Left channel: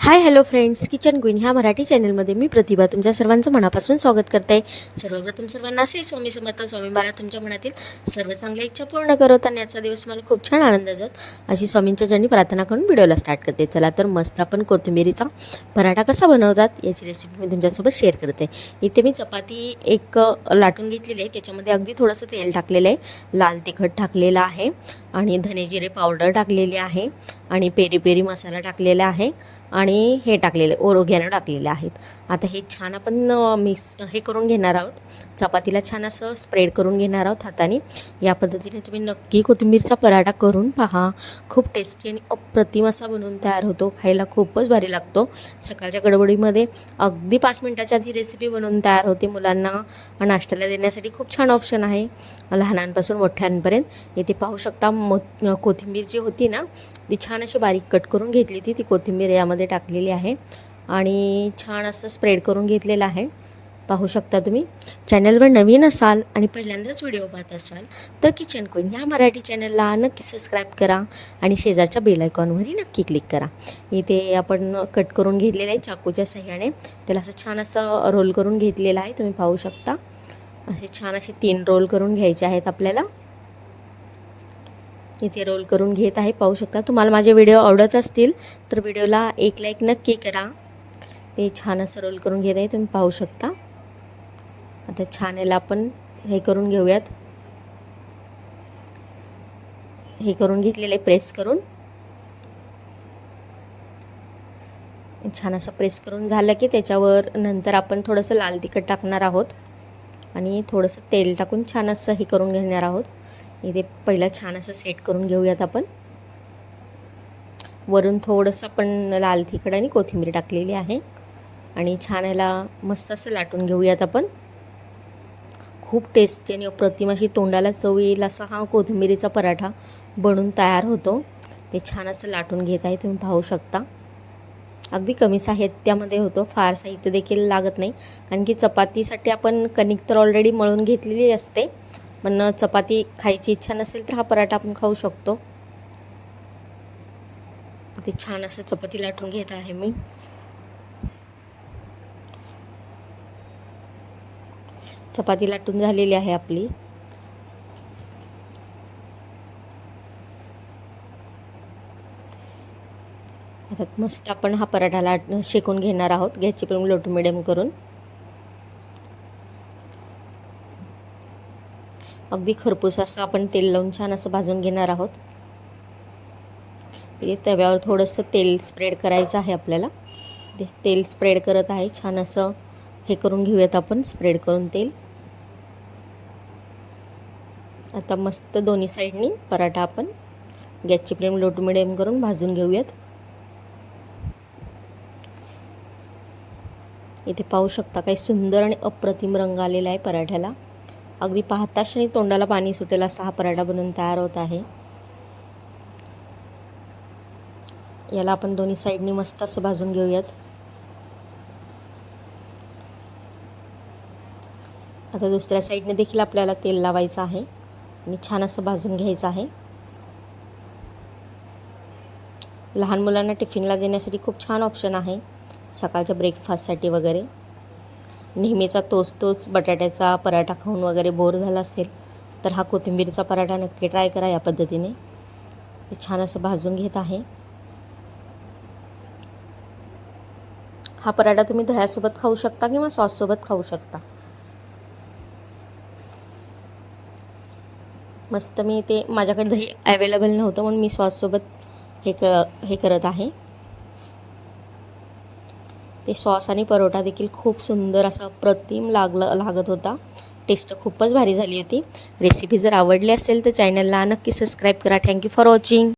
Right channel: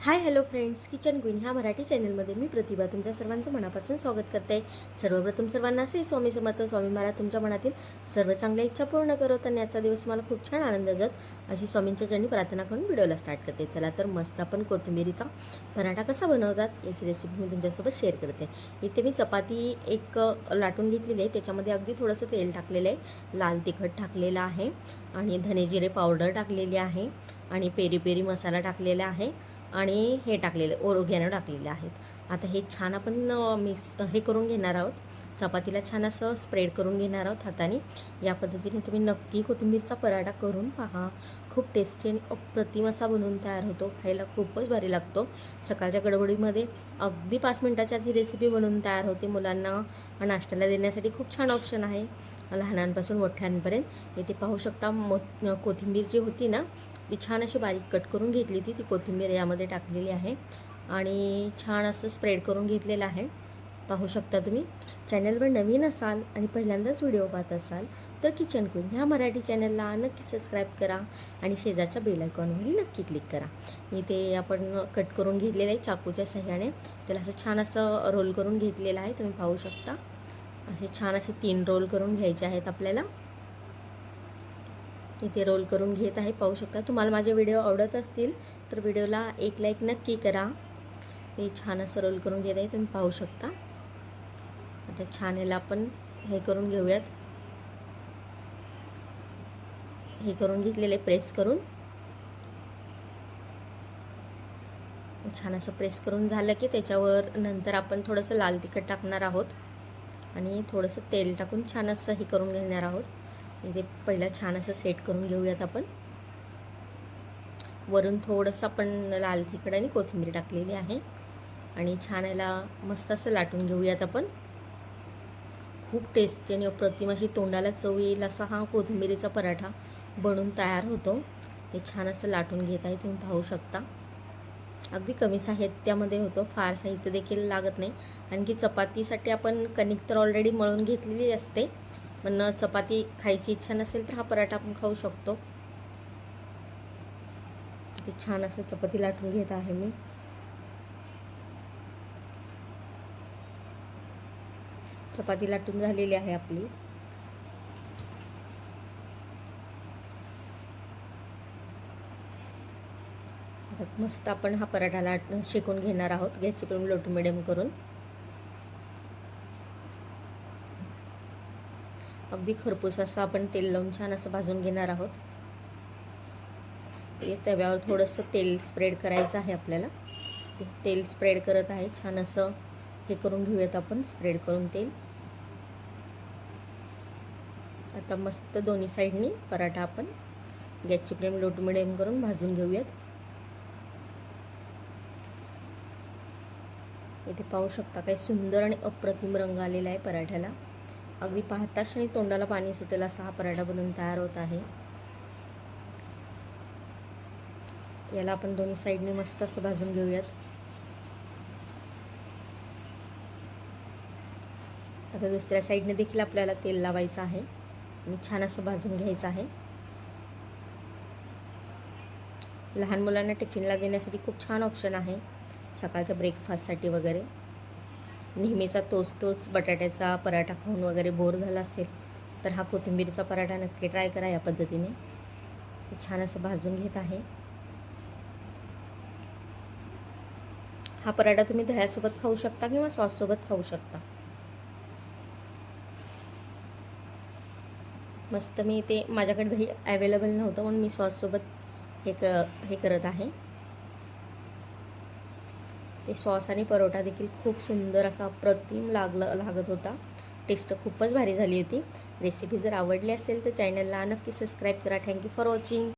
Hi hello friends kitchen queen ह्या मराठी चॅनलमध्ये मी प्रतिभा तुमच्या सर्वांचं मनापासून स्वागत करते. सर्वप्रथम सर्वांना असे स्वामी समर्थ स्वामी महाराज तुमच्या मनातील सर्व चांगल्या इच्छा पूर्ण करत आणि याचा दिवस मला खूप छान आनंद जात अशी स्वामींच्या जणी प्रार्थना करून व्हिडिओला स्टार्ट करते. चला तर मस्त आपण कोथिंबिरीचा पराठा कसा बनवतात याची रेसिपी मी तुमच्यासोबत शेअर करते. इथे मी चपाती एक लाटून घेतलेली आहे. त्याच्यामध्ये अगदी थोडंसं तेल टाकलेलं आहे. लाल तिखट टाकलेलं आहे आणि धने जिरे पावडर टाकलेली आहे आणि पेरी पेरी मसाला टाकलेला आहे. आणि आणि हे टाकलेले ओरोग्यानं टाकलेले आहेत. आता हे छान आपण मिक्स हे करून घेणार आहोत. चपातीला छान असं स्प्रेड करून घेणार आहोत हाताने. या पद्धतीने तुम्ही नक्की कोथिंबीरचा पराठा करून पहा. खूप टेस्टी आणि अप्रतिम असा बनवून तयार होतो. खायला खूपच भारी लागतो. सकाळच्या गडबडीमध्ये अगदी पाच मिनटाच्या आत ही रेसिपी बनवून तयार होते मुलांना. नाश्त्याला देण्यासाठी खूप छान ऑप्शन आहे. लहानांपासून मोठ्यांपर्यंत. इथे पाहू शकता मो कोथिंबीर जी होती ना ती छान अशी बारीक कट करून घेतली ती ती कोथिंबीर यामध्ये टाकलेली आहे आणि छान असं स्प्रेड करून घेतलेलं आहे. पाहू शकता तुम्ही. चॅनलवर नवीन असाल आणि पहिल्यांदाच व्हिडिओ पाहत असाल तर किचन क्वीन ह्या मराठी चॅनलला नक्की सबस्क्राईब करा आणि शेजारच्या बेलायकॉनवरही नक्की क्लिक करा. इथे आपण कट करून घेतलेलं आहे चाकूच्या सहाय्याने. त्याला असं छान असं रोल करून घेतलेलं आहे. तुम्ही पाहू शकता. असे छान असे तीन रोल करून घ्यायचे आहेत आपल्याला. इथे रोल करून घेत आहे. पाहू शकता तुम्हाला माझे व्हिडिओ आवडत असतील तर व्हिडिओला एक लाईक नक्की करा. ते छान असं रोल करून घेत आहे. तुम्ही पाहू शकता. आता छान याला आपण हे करून घेऊयात. हे करून घेतलेले प्रेस करून. छान असं प्रेस करून झालं की त्याच्यावर नंतर आपण थोडंसं लाल तिखट टाकणार आहोत. आणि थोडंसं तेल टाकून छान असं हे करून घेणार आहोत. इथे पहिला छान असं सेट करून घेऊयात आपण. वरून थोडंसं आपण लाल तिखट आणि कोथिंबीर टाकलेली आहे. आणि छान याला मस्त असं लाटून घेऊयात आपण. खूप टेस्टी आणि अप्रतिम अशी तोंडाला चव येईल असा हा कोथिंबीरीचा पराठा बनून तयार होतो. ते छान असं लाटून घेत आहे तुम्ही पाहू शकता. अगदी कमी साहित्यामध्ये होतो फार साहित्य देखील लागत नाही. कारण की चपातीसाठी आपण कणिक तर ऑलरेडी मळून घेतलेली असते. पण चपाती खायची इच्छा नसेल तर हा पराठा आपण खाऊ शकतो. ते छान असं चपाती लाटून घेत आहे मी. चपाती लाटून झालेली आहे आपली. आता मस्त आपण हा पराठा लाट शेकून घेणार आहोत. गॅसची पण लोट मिडियम करून. अगदी खरपूस असं आपण तेल लावून छान असं भाजून घेणार आहोत. हे तव्यावर थोडंसं तेल स्प्रेड करायचं आहे आपल्याला. ते तेल स्प्रेड करत आहे. छान असं हे करून घेऊयात आपण स्प्रेड करून तेल. आता मस्त दोन्ही साईडनी पराठा आपण गॅसची फ्लेम लो टू मिडियम करून भाजून घेऊयात. इथे पाहू शकता काही सुंदर आणि अप्रतिम रंग आलेला आहे पराठ्याला. अगदी पाहता क्षणी तोंडाला पाणी सुटेल असा हा पराठा बनवून तयार होत आहे. याला आपण दोन्ही साईडनी मस्त असं भाजून घेऊयात. आता दुसऱ्या साईडने देखील आपल्याला तेल लावायचं आहे आणि छान असं भाजून घ्यायचं आहे. लहान मुलांना टिफिनला देण्यासाठी खूप छान ऑप्शन आहे सकाळच्या ब्रेकफास्टसाठी वगैरे. नेहमीचा तोच तोच बटाट्याचा पराठा खाऊन वगैरे बोर झाला असेल तर हा कोथिंबीरचा पराठा नक्की ट्राय करा या पद्धतीने. ते छान असं भाजून घेत आहे. हा पराठा तुम्ही दह्यासोबत खाऊ शकता किंवा सॉससोबत खाऊ शकता. मस्त मी ते माझ्याकडे दही अवेलेबल नव्हतं म्हणून मी सॉससोबत हे क हे करत आहे. ते सॉस आणि परोठा देखील खूप सुंदर असा अप्रतिम लागलं लागत होता. टेस्ट खूपच भारी झाली होती. रेसिपी जर आवडली असेल तर चॅनलला नक्की सबस्क्राईब करा. Thank you for watching